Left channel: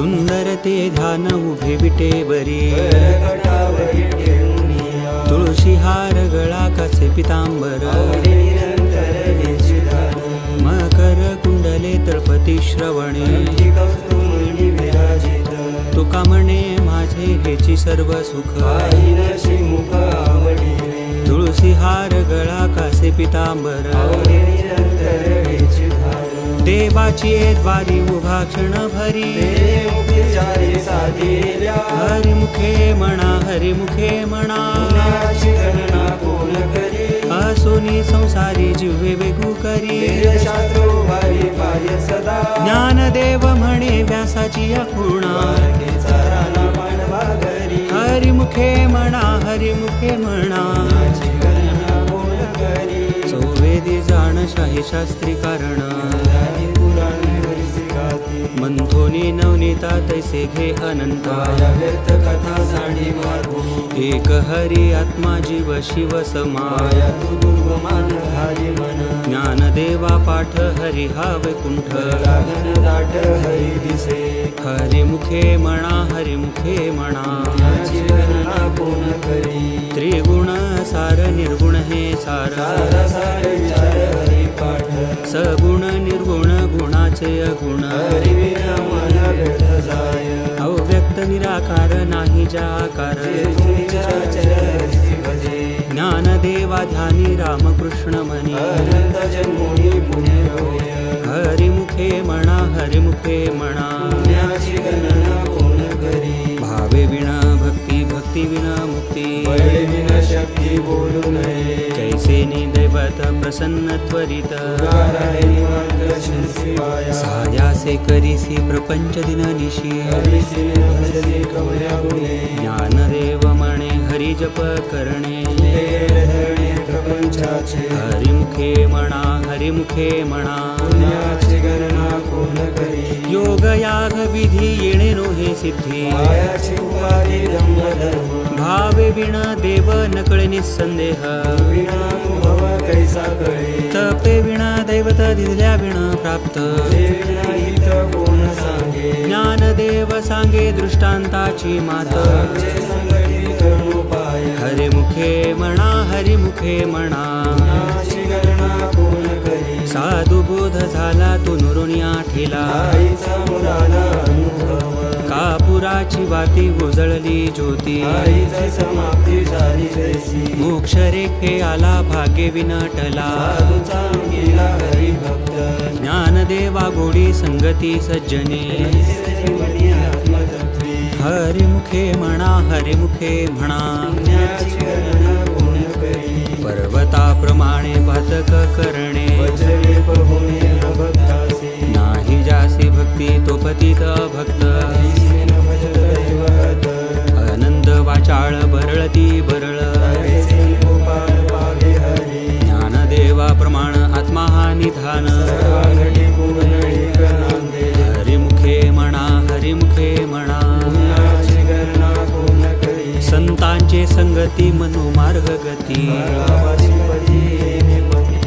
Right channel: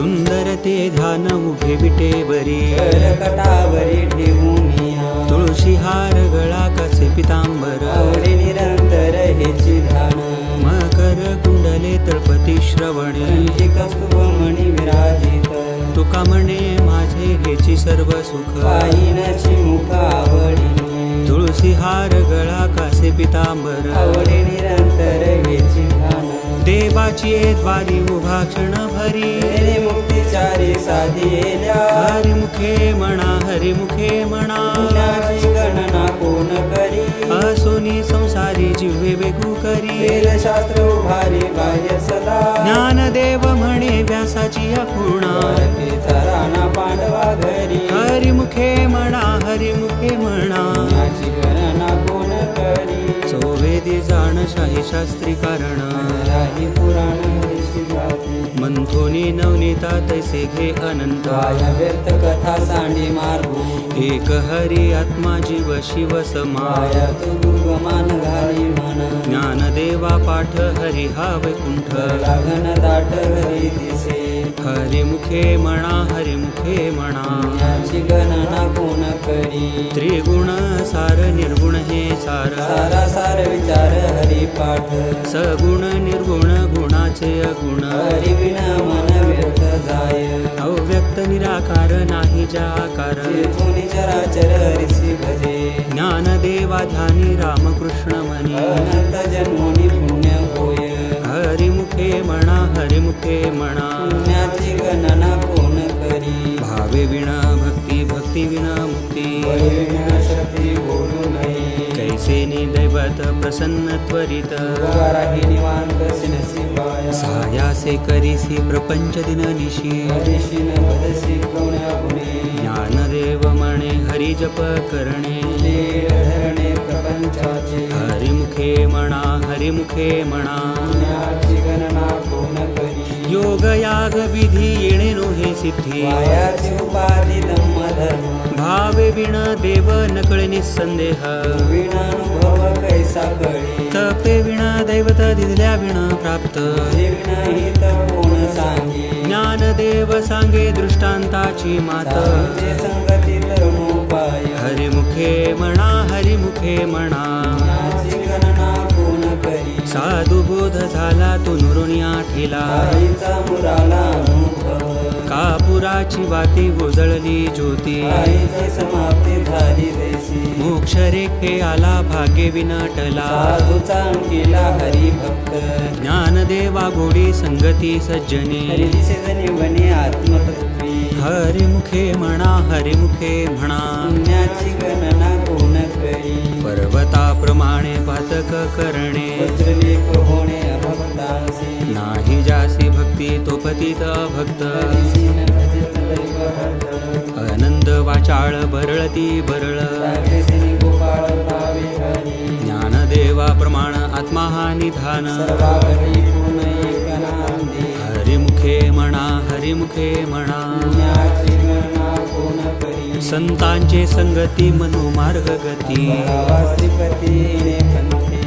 सुंदर ते ध्यान उभे विटेवरी कडावरी ठेवूनी तुळशी हार गळा कसे पितांबर आवडी निरंतर हेची ध्यान मकर कुंडले तळपती श्रवणे कंठी कस्तुरी विराजित तुका म्हणे माझे हेची सर्व सुख पाहिनाची मुख आवडी तुळशी हार गळा कासे पितांबर आवडी निरंतर हेची ध्यान देवाची द्वारी उभा क्षण भरी मुक्तिचारी साधिल्या हरिमुखे म्हणा हरिमुखे म्हणा गुणाची गणना कोण करी असोनी संसारी जिव्हे वेगू करी वेदशास्त्र उभारी पाह्य सदा ज्ञानदेव म्हणे व्यासाची अखुणा वारकेचा राणा पांडवा घरी हरिमुखे म्हणा हरिमुखे म्हणा गुणाची गणना कोण करी चोवेदी जाण शाही शास्त्री कारण आदि पुराणी हरिसी गाती मंथोनी नवनीता तैसे घे अनंता व्यर्थ कथा सांडी मार्गो एक हरी आत्मा जीव शिव समाय माया तू दुर्गमान घाई म्हणा ज्ञानदेवा पाठ हरी हा वैकुंठ लागन दाट हरी दिसे हरिमुखे म्हणा हरिमुखे म्हणा गुणाची गणना कोण करी त्रिगुण सार निर्गुण हे सार सारा सार विचार हरी पाठ सगुण निर्गुण गुणाचे अगुण हरी विना मन भेट जाय अव्यक्त निराकार नाही जाकार तेथून चराचर हसी भजे ज्ञानदेवा ध्यानी रामकृष्ण म्हणी अनंत जन्मोनी पुण्य होय हरिमुखे म्हणा हरिमुखे म्हणा पुण्याची गणना कोण करी भावे विना भक्ती भक्ती विना मुक्ती बळे विना शक्ती बोलू नये कैसे दैवत प्रसन्न त्वरित गाराडे निवांत शिवाय सायासे करीसी प्रपंच दिन निशी हरिशिने भजली कवल्या गुणे ज्ञानदेव म्हणे हरी जप करणे धरणे प्रपंचाचे हरिमुखे म्हणा हरिमुखे म्हणा पुण्याची गणना कोण करी योग याग विधी येणे नो हे सिद्धी मायाची उपाधी धर्म भावे विण देव नकळे निसंदेह विनानुभव कैसा कळे तपे विणा दैवत दिल्या विण प्राप्त विना हित कोण सांगे ज्ञानदेव सांगे दृष्टांताची मात जे संगती करून उपाय हरिमुखे म्हणा हरिमुखे म्हणा पुण्याची गणना कोण करी साधू बोध झाला तो नुरुनिया ठेला आईचा मुलाला अनुभव कापुराची वाती उजळली ज्योती आईचा समाप्ती झाली जैसी मोक्ष रेखे आला भाग्य विनटला साधूचा अंगीला हरी भक्त ज्ञानदेवा गोडी संगती सज्जने जीवनी आत्मतत्वे हरिमुखे म्हणा हरिमुखे म्हणा पुण्याची गणना कोण करी पर्वताप्रमाणे पातक करणे वज्रलेप होणे अभक्तासे नाही जासी भक्ती तो पतित भक्त भजत दैवहत आनंद वाचाळ बरळती बरळ रागेचे गोपाळ भावे हरी ज्ञानदेवा प्रमाण आत्मा हा निधान रागली गुण निगनांदे हरिमुखे म्हणा हरिमुखे म्हणा पुण्याची गणना कोण करी संतांचे संगती मनोमार्ग गती रामाधिपती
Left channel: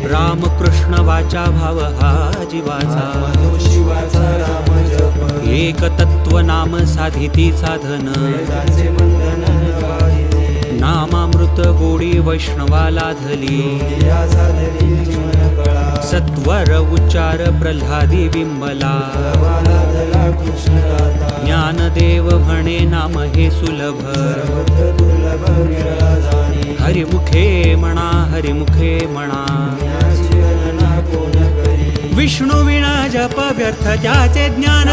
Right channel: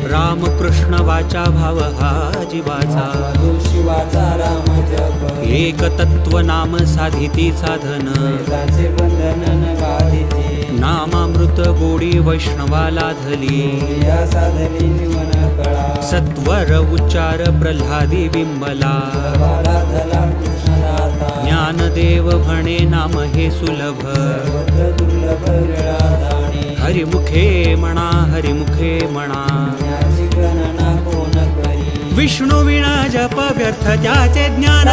रामकृष्ण वाचा भाव हा जीवाचा तो शिवाचा राम जप एक तत्व नाम साधिती साधन वेदाचे बंधन काढिते नामामृत गोडी वैष्णवाला धली या साधनी मन कळा सत्वर उच्चार प्रल्हादी बिंबला वाला धला कृष्णदाता ज्ञानदेव म्हणे नाम हे सुलभ सर्वत्र दुर्लभ विळा जाणे हरिमुखे म्हणा हरिमुखे म्हणा पुण्याची गणना कोण करी विष्णू विणा जप व्यर्थ त्याचे ज्ञान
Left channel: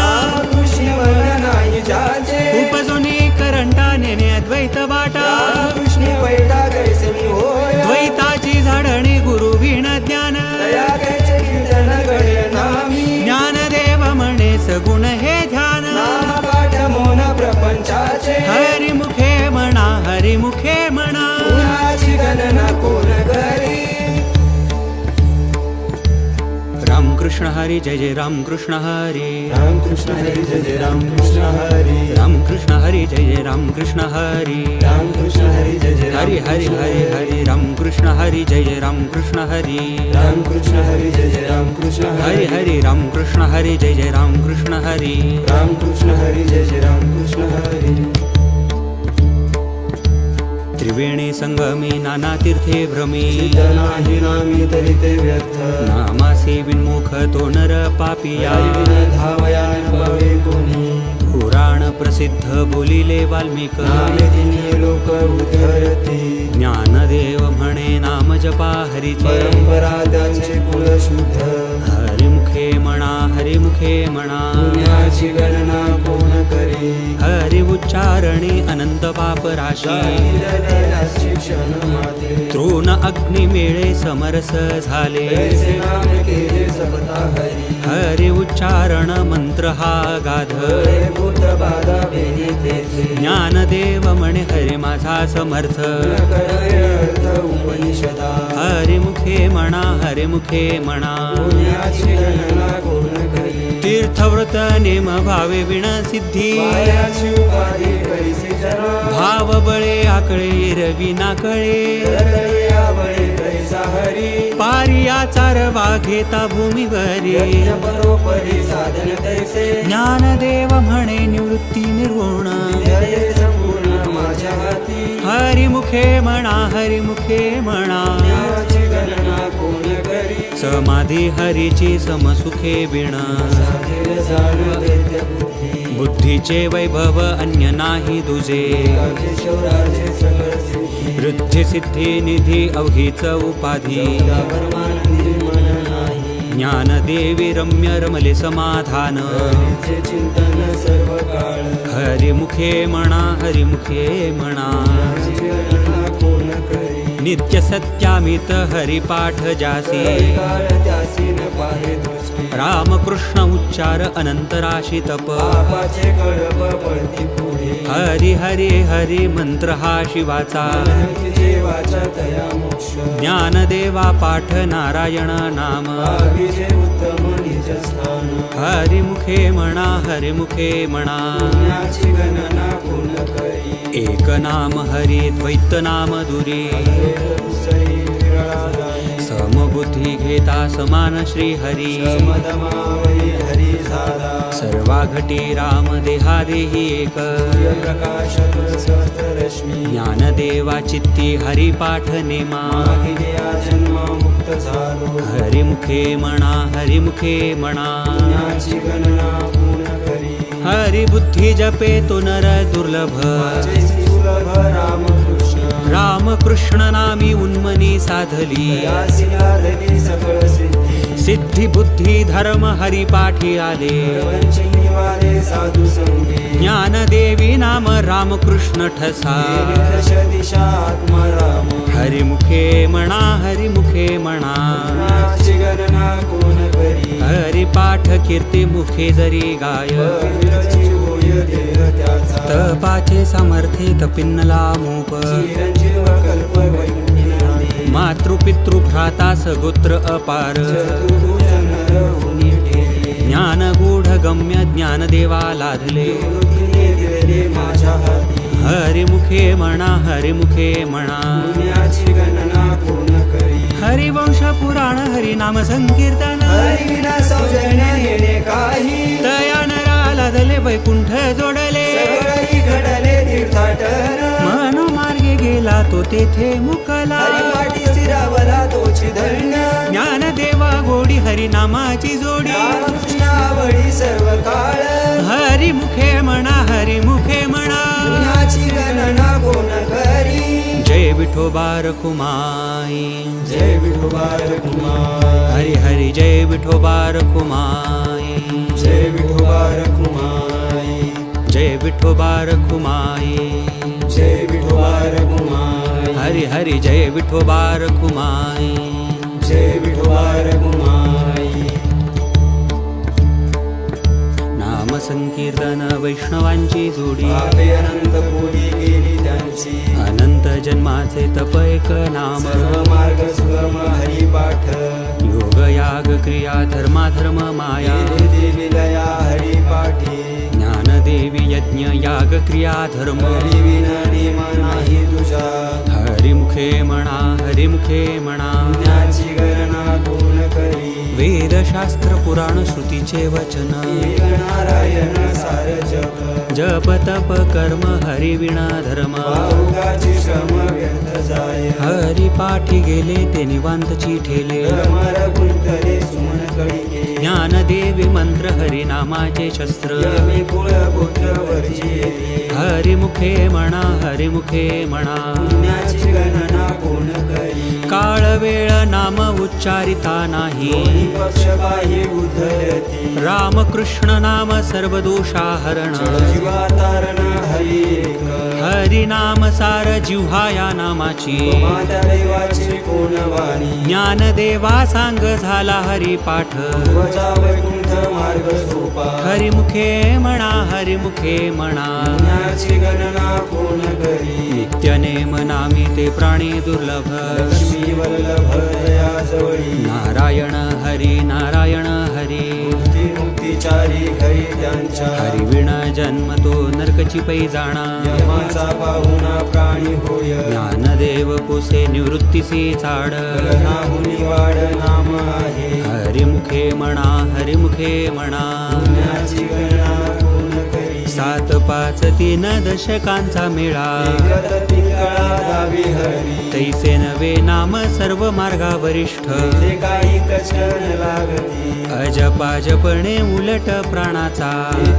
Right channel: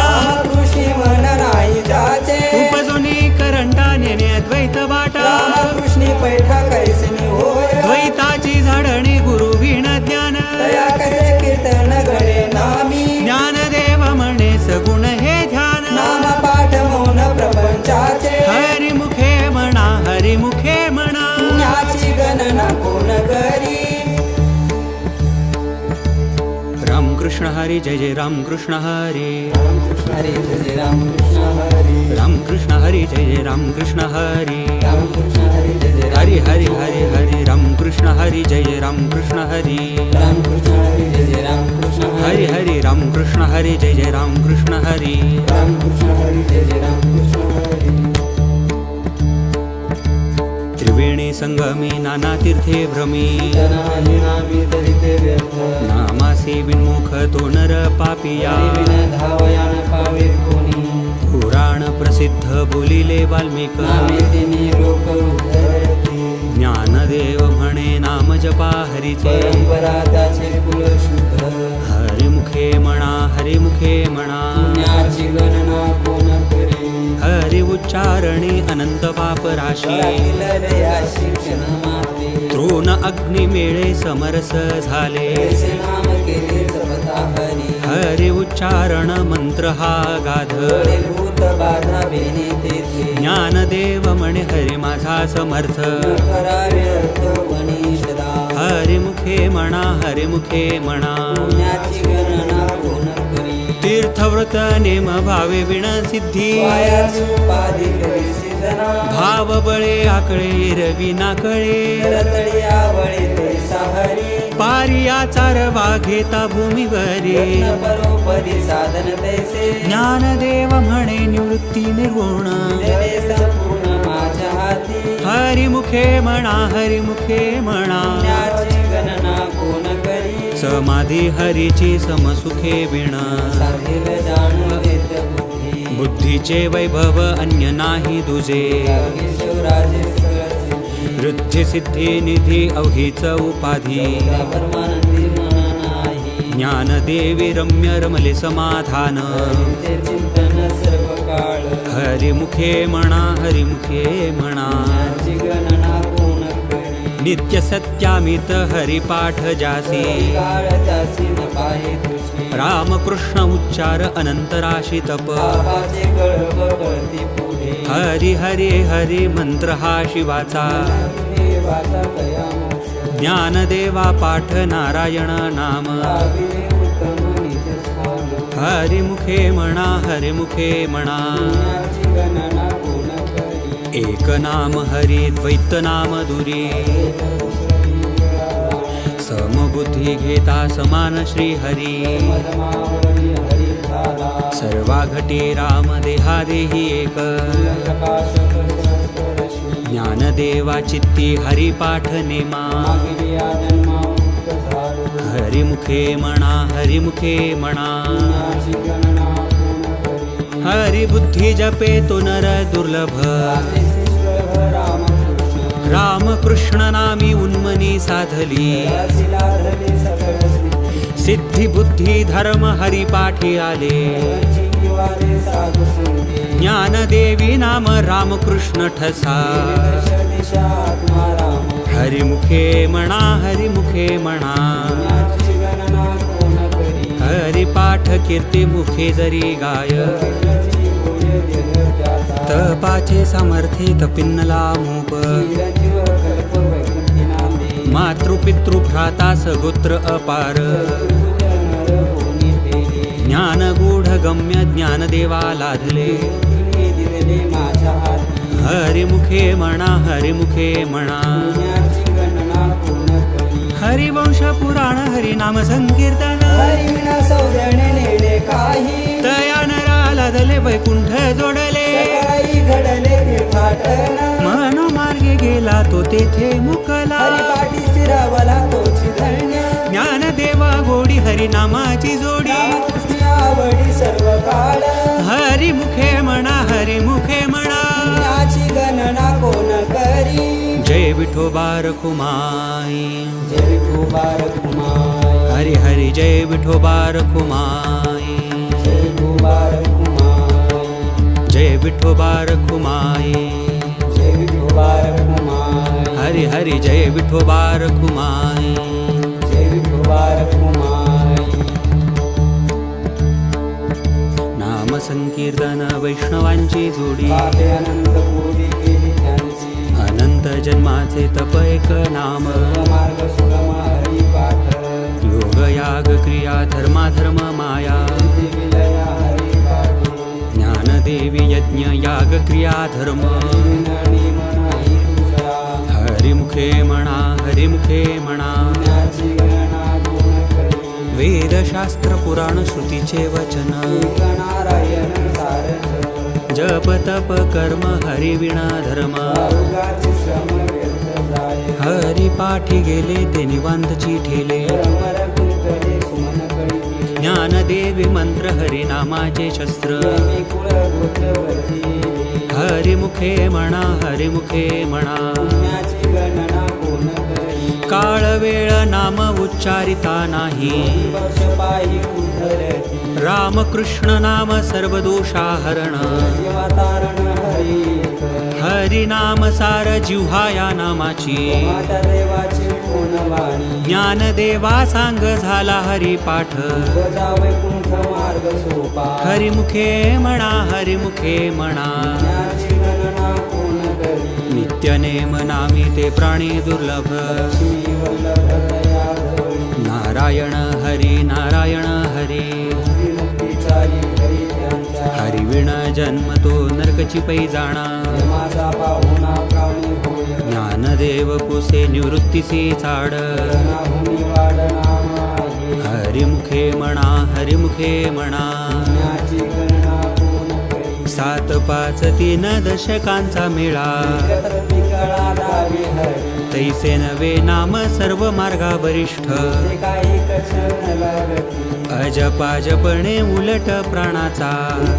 ऋषी मन नाही जाचे उपजोनी करंटा नेणे अद्वैत वाटा कृष्णी पैठा कैसनी होय द्वैताची झाडणे गुरु विण ज्ञान तया कैसे कीर्तन गणे नामी ज्ञानदेव म्हणे सगुण हे ध्यान नाना पाठ मौन प्रपंचाचे हरिमुखे म्हणा हरिमुखे म्हणा पुण्याची गणना कोण करी रामकृष्ण कृष्ण हरी जय जय राम कृष्ण हरी राम कृष्ण हरी जय जय राम कृष्ण हरी राम कृष्ण हरी जय जय राम कृष्ण हरी राम कृष्ण हरी जय जय हरी हरी हरी हरी राम कृष्ण हरी जय जय राम कृष्ण हरी राम कृष्ण हरी जय जय राम कृष्ण हरी हरी राम कृष्ण हरी जय जय राम कृष्ण हरी राम कृष्ण हरी जय जय राम कृष्ण हरी त्रिवेणी संगमी नाना तीर्थे भ्रमी जनाही नामी तरी ते व्यर्थ नामासे विन्मुख तो नर पापिया धावयान पावे कोणी पुराण प्रसिद्ध बोलिले वाल्मिक नामेदिनी लोक उद्धरती ज्ञानदेव म्हणे नाम जपा हरीचे परंपरा त्यांचे कुल शुद्ध हरिमुखे म्हणा हरिमुखे म्हणा पुण्याची गणना कोण करी हरि उच्चारणे अनंत पाप राशी शिक्षण माते तृण अग्नि मेळे समरस झाले ऐसे नाम केले सबता हरी हरि उच्चारण मंत्र हा गाध भूत बाधा बेनी तेथे ज्ञानदेव म्हणे हरि माझा समर्थ करावे अर्थ उपनिषदा हरिमुखे म्हणा हरिमुखे म्हणा पुण्याची गणना कोण करी तीर्थव्रत नेम भावे विण सिद्धी पायाची उपाधी कैसी जना भाव बळे आकळे रवी नाकळे तळतळी आवळे कैसा हरी पारिया चारवा घेता भूमीवरी यज्ञ परोपरी साधन तैसे ज्ञानदेव म्हणे निवृत्ती निर्गुण जय संपूर्ण माझ्या हाती हरिमुखे म्हणा हरिमुखे म्हणा पुण्याची गणना कोण करी समाधी हरीची समसुखे विण देव जाणू वेद्य बुद्धी बुद्धीचे वैभव अन्य नाही दुजे परमेश्वराचे सगळ सिद्धी वृद्धी सिद्धी निधी अवघीच उपाधी परमानंदी मन नाही ज्ञानदेवी रम्य रमले समाधान ते चिंतन सर्व काळ हरिमुखे म्हणा हरिमुखे म्हणा पुण्याची गणना कोण करी नित्य सत्यामित हरिपाठ जासी काळ त्यासी न पाहे दृष्टी रामकृष्ण उच्चार अनंतराशी तप पापाचे गडब वळती पुढे हरी हरी हरी मंत्र हा शिवाचा तिचे वाचा तया मोक्ष ज्ञानदेवा पाठ नारायण नाम भावीचे उत्तम निज स्थान हरिमुखे म्हणा हरिमुखे म्हणा पुण्याची गणना कोण करी एक नाम हरी द्वैत नाम दुरी समबुद्धी घेता समान श्री हरी मदमावरी हरी झाला सर्वा घटी राम देहा देही एक प्रकाश सहस्त्र रश्मी ज्ञानदेवा चित्ती हरिपाठ नेमा या जन्म मुक्त झालो हरिमुखे म्हणा हरिमुखे म्हणा पुण्याची गणना कोण करी हरिबुद्धी जपे तो नर दुर्लभ माझे सुलभ रामकृष्ण रामकृष्ण नामी उन्मनी साधली यासी लाधली सकळ सिद्धी सिद्धी बुद्धी धर्म हरिपाठी आले पंचनिवारे साधू संगे ज्ञानदेवी नाम रामकृष्ण ठसा दश दिशा आत्मा राम हरिमुखे म्हणा हरिमुखे म्हणा पुण्याची गणना कोण करी हरिपाठ कीर्ती मुखे जरी गाय हरिची होय ध्येय त्याचा तपाचे सामर्थ्ये तपिन्नला मूप चिरंजीव कल्प वैकुंठी नामे मातृपितृ भ्राता सगोत्र अपार चतुर्भुज नर होनी केली ज्ञान गूढ गम्य ज्ञानदेवा लाधले बुद्धीने दिले माझ्या हाती हरिमुखे म्हणा हरिमुखे म्हणा पुण्याची गणना कोण करी हरिवंश पुराण हरिनाम संकीर्तन हरिविना सौजन्य येणे काही तया नरा लाधले वैकुंठ जोडले सगळी घडले तीर्थाटन मनोमार्गे गेला तो तेथे मुकला हरिपाठी स्थिरावला तोची धन्य ज्ञानदेवा गोडी हरिनामाची जोडी रामकृष्ण आवडी सर्व काळ हरिमुखे म्हणा हरिमुखे म्हणा पुण्याची गणना कोण करी जय विठोबा रखुमाई जय विठोबार कुमार हरि हरि जय विठोबा रखुमाई जय विठोबार कुमार जय विठोबा रखुमाई जय विठोबार कुमार हरि हरि जय विठोबा रखुमाई जय विठोबार कुमार नाम संकीर्तन वैष्णवांची जोडी पापे अनंत पुरी गेली त्यांची अनंत जन्माचे तप एक नाम सर्व मार्ग सुगम हरिपाठ योग याग क्रिया धर्माधर्म माया देवी लया हरिपाठी ज्ञानदेवी यज्ञ याग क्रिया धर्म विना नेम नाही तुझा हरिमुखे म्हणा हरिमुखे म्हणा ज्ञाची गणना कोण करी वेदशास्त्र पुराण श्रुतीचे वचन एक नारायण सार जप जप तप कर्म हरिविणा धर्म बाहुगाची श्रम व्यर्थ जाय हरी पाठी गेले ते निवांतची ठेले अमर गुंतले सुमन कळी ज्ञानदेवी मंत्र हरिनामाचे शस्त्र कुळ गोत्र वर्जी हरिमुखे म्हणा हरिमुखे म्हणा ज्ञाची गणना कोण करी काळ वेळ नाम उच्चारिता नाही पक्षपाही उद्धरती रामकृष्ण नाम सर्व दोषाहरण जीवा तारण हरी एक हरिनाम सार जिव्हा या नामाची माता देवाची कोण वाणी ज्ञानदेवा सांग झाला हरिपाठ वजा वैकुंठ मार्ग सोपा हरिमुखे म्हणा हरिमुखे म्हणा ज्ञाची गणना कोण करी नित्य नेम नामी ते प्राणी दुर्लभ लक्ष्मी वल्लभ दया जवळी नारायण हरी नारायण हरी मुक्तिचारी घरी त्यांच्या हरिविण जन्म तो नरकची पै जाणा माझा पाहुणा प्राणी होय ज्ञानदेव पुसे निवृत्तीसी चाड नाहुनी वाड नाम आहे हरिमुखे म्हणा हरिमुखे म्हणा ज्ञाची गणना कोण करी 7 5 3 दशकांचा मेळा एकत्र पिंगळा गावी हरी तैसे नवे नाम सर्व मार्गा वरिष्ठ ते काही कचन लागती अजपाजपणे उलट प्राणाचा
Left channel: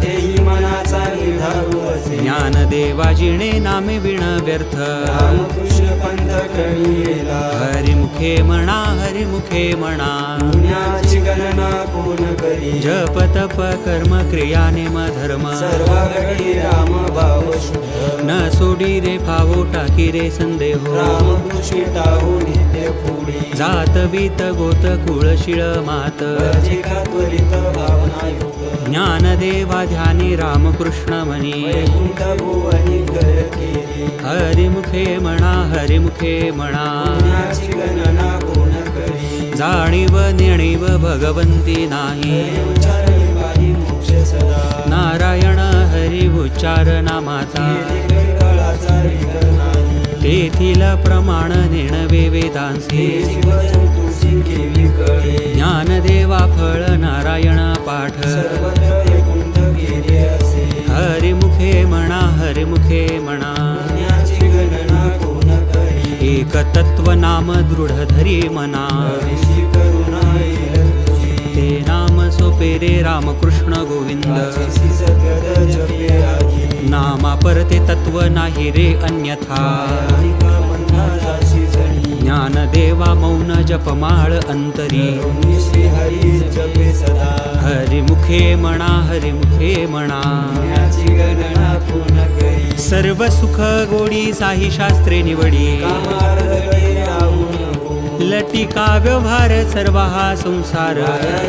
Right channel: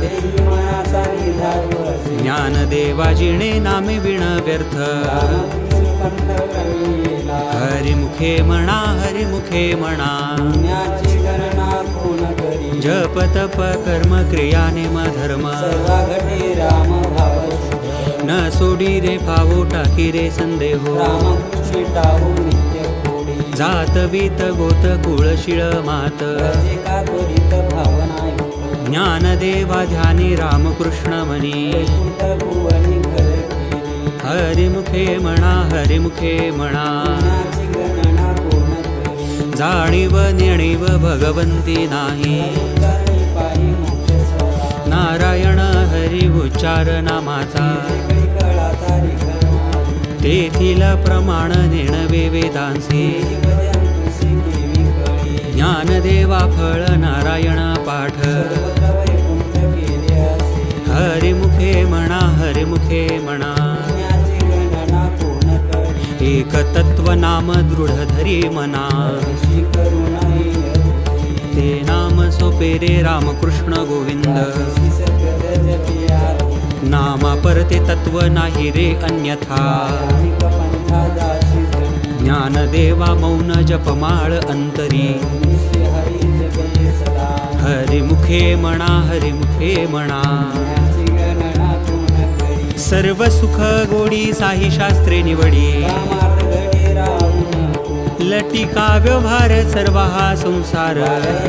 तेही मनाचा निधारू असे ज्ञानदेवाजिणे नामे विण व्यर्थ रामकृष्ण पंथ कळीला हरिमुखे म्हणा हरिमुखे म्हणा ज्ञाची गणना कोण करी जप तप कर्म क्रिया नेम धर्म सर्वाघटी राम भाव शुभ न सोडी रे पावो टाकी रे संदेहो रामकृष्ण टाहू नित्य खोडी जात वीत गोत कुळशिळ मात प्रजेका त्वरित भावना युक्त ज्ञानदेवा ध्यानी रामकृष्ण म्हणी वैकुंठ भुवनी कर केली हरिमुखे म्हणा हरिमुखे म्हणा ज्ञाची गणना कोण करी जाणीव नेणीव भगवंती नाही उच्चारी पारी मोक्ष सदा नारायण हरी उच्चार नामाचा पिंगळाचा विघ्न नाही तेथील प्रमाण नेणवे वेदांसी जीवजंतूसी केली कळी ज्ञानदेवा फळ नारायण पाठ सर्वत्र वैकुंठ गेले असे हरिमुखे म्हणा हरिमुखे म्हणा ज्ञाची गणना कोण करी एक तत्व नाम दृढ धरी मना ऋषी करुणा येरची ते नाम सोपेरे रामकृष्ण गोविंद राक्षसी सगळ जपे आधी नामा परते तत्व नाही रे अन्यथा प्राणिका मनाची जणी ज्ञानदेवा मौन जपमाळ अंतरी निश्री हरी जपे सदा हरिमुखे म्हणा हरिमुखे म्हणा ज्ञाची गणना कोण करी सर्व सुख गोडी साही शास्त्रे निवडी कामार्थ गैर राहू नको लटिका व्यवहार सर्व हा संसार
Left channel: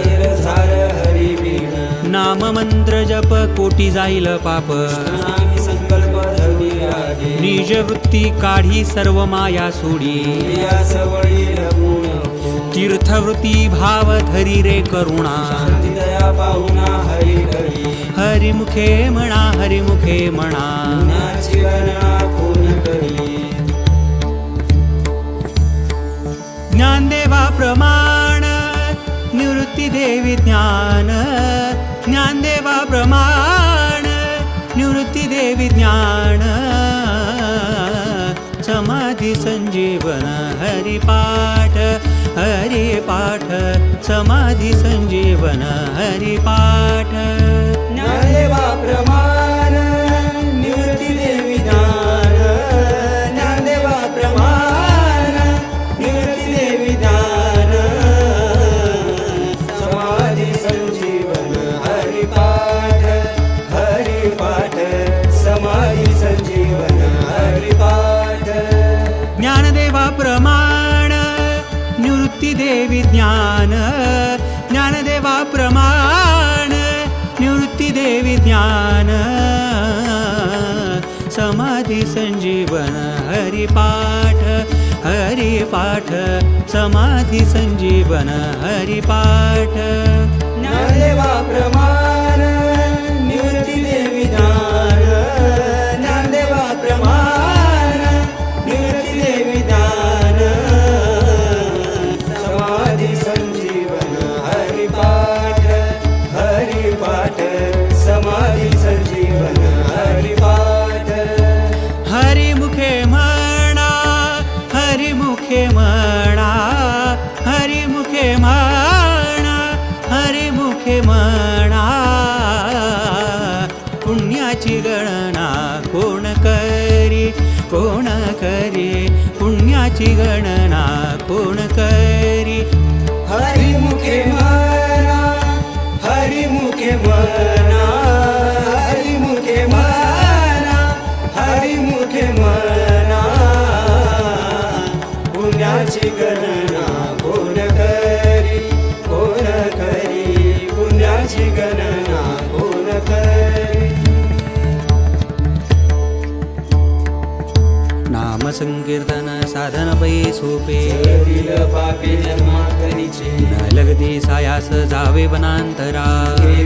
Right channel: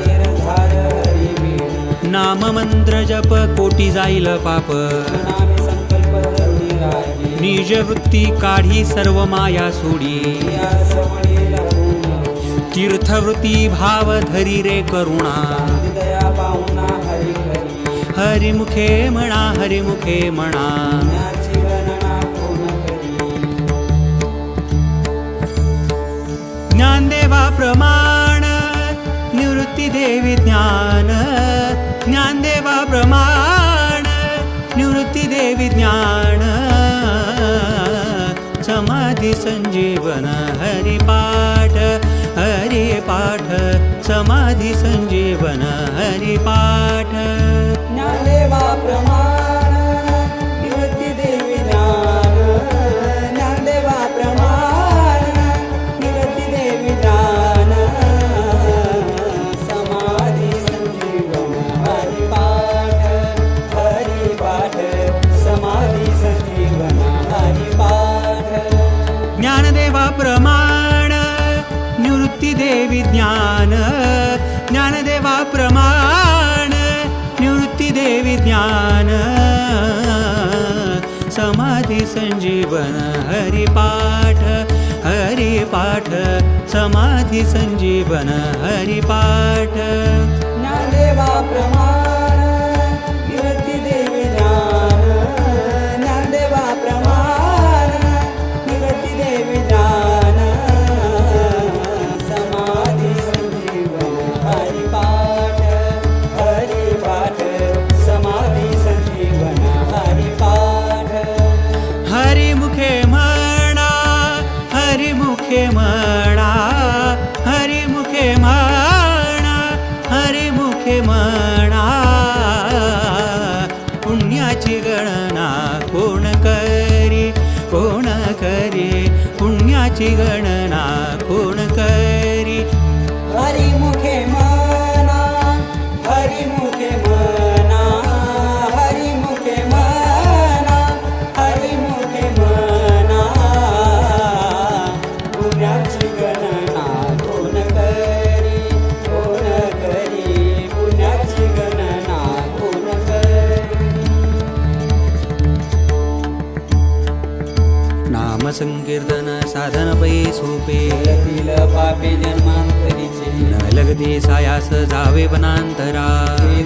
गैर सार हरी बिन नाम मंत्र जप कोटी जाईल पाप नाम संकल्प धर्मी आधी निज वृत्ती काढी सर्व माया सोडी या सवळी रघु नको तीर्थवृत्ती भाव धरी रे करुणा दया पाहुणा हरी हरी हरिमुखे म्हणा हरिमुखे म्हणा ज्ञाची गणना कोण करी ज्ञानदेवा प्रमाण निवृत्ती देवी ज्ञान ज्ञानदेवा प्रमाण निवृत्ती देवी ज्ञान समाधी संजीवन हरिपाठ हरिपाठ समाधी संजीवन हरिपाठ ज्ञानदेवा प्रमाण निवृत्ती देवी ज्ञान ज्ञानदेवा प्रमाण निवृत्ती देवी ज्ञान समाधी संजीवन हरिपाठ हरिपाठ समाधी संजीवन हरिपाठ ज्ञानदेवा प्रमाण निवृत्ती देवी ज्ञान ज्ञानदेवा प्रमाण निवृत्ती देवी ज्ञान समाधी संजीवन हरिपाठ हरिपाठ समाधी संजीवन हरिपाठ ज्ञानदेवा प्रमाण निवृत्ती देवी ज्ञान ज्ञानदेवा प्रमाण निवृत्ती देवी ज्ञान समाधी संजीवन हरिपाठ हरिपाठ समाधी संजीवन हरिपाठ हरिमुखे म्हणा हरिमुखे म्हणा हरिमुखे म्हणा हरिमुखे म्हणा पुण्याची गणना कोण करी पुण्याची गणना कोण करी हरिमुखे म्हणा हरिमुखे म्हणा हरिमुखे म्हणा हरिमुखे म्हणा पुण्याची गणना कोण करी पुण्याची गणना कोण करी नाम संकीर्तन साधन पै सोपे दिल पापी जन्मांतरीचे न लगती सायास जावे वनांतरा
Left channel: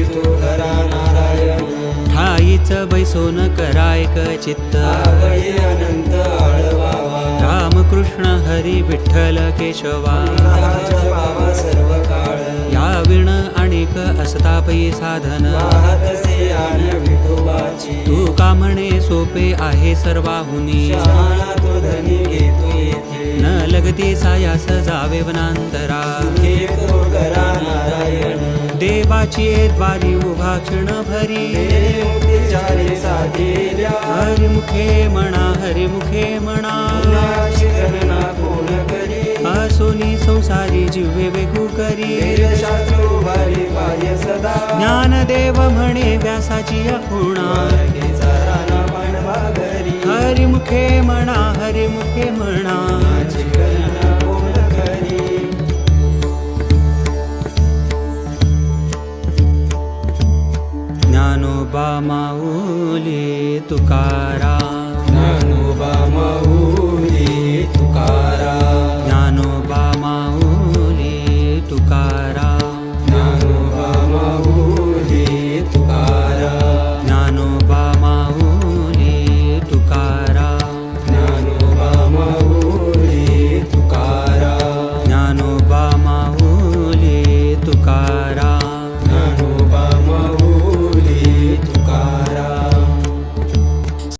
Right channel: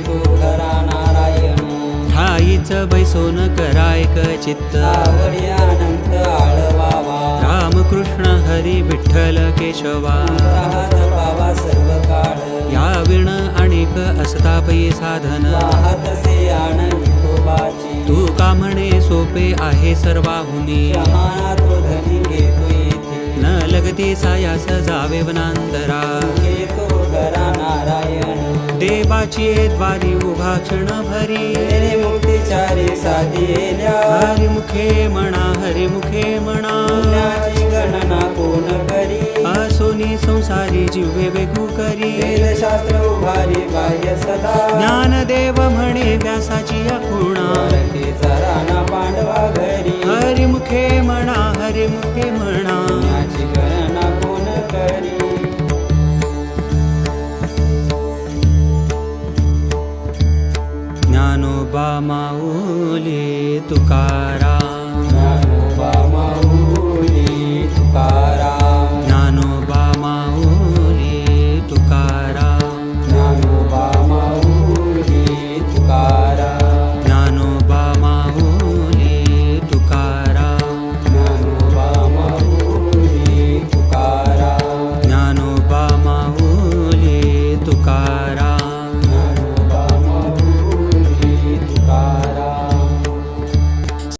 तू हरा नारायण ठाईच बैसोन करायक चित्त आवडी अनंत आळवावा रामकृष्ण हरी विठ्ठल केशवा बाबा सर्व काळ या विण अनेक असता पै साधन वाहतसे आण विठोबाची तू का म्हणे सोपे आहे सर्वाहुनी समाना तो धनी घेतो येथे न लगती सायास जावे वनांतरा घेतो करा नारायण देवाची द्वारी उभा क्षण भरी तेने मुक्तीचारी साधेल्या हरिमुखे म्हणा हरिमुखे म्हणा पुण्याची गणना कोण करी असोनी संसारी जिव्हे वेगू करी शास्त्र उभारी पाह्य सदा ज्ञानदेव म्हणे व्यासाची अखुणा मराठीचा राणा पांडवा घरी हरिमुखे म्हणा हरिमुखे म्हणा पुण्याची गणना कोण करी ज्ञानोबा माऊली तुकाराम ज्ञानोबा माऊली तुकाराम ज्ञानोबा माऊली तुकाराम ज्ञानोबा माऊली तुकाराम ज्ञानोबा माऊली तुकाराम ज्ञानोबा माऊली तुकाराम ज्ञानोबा माऊली तुकाराम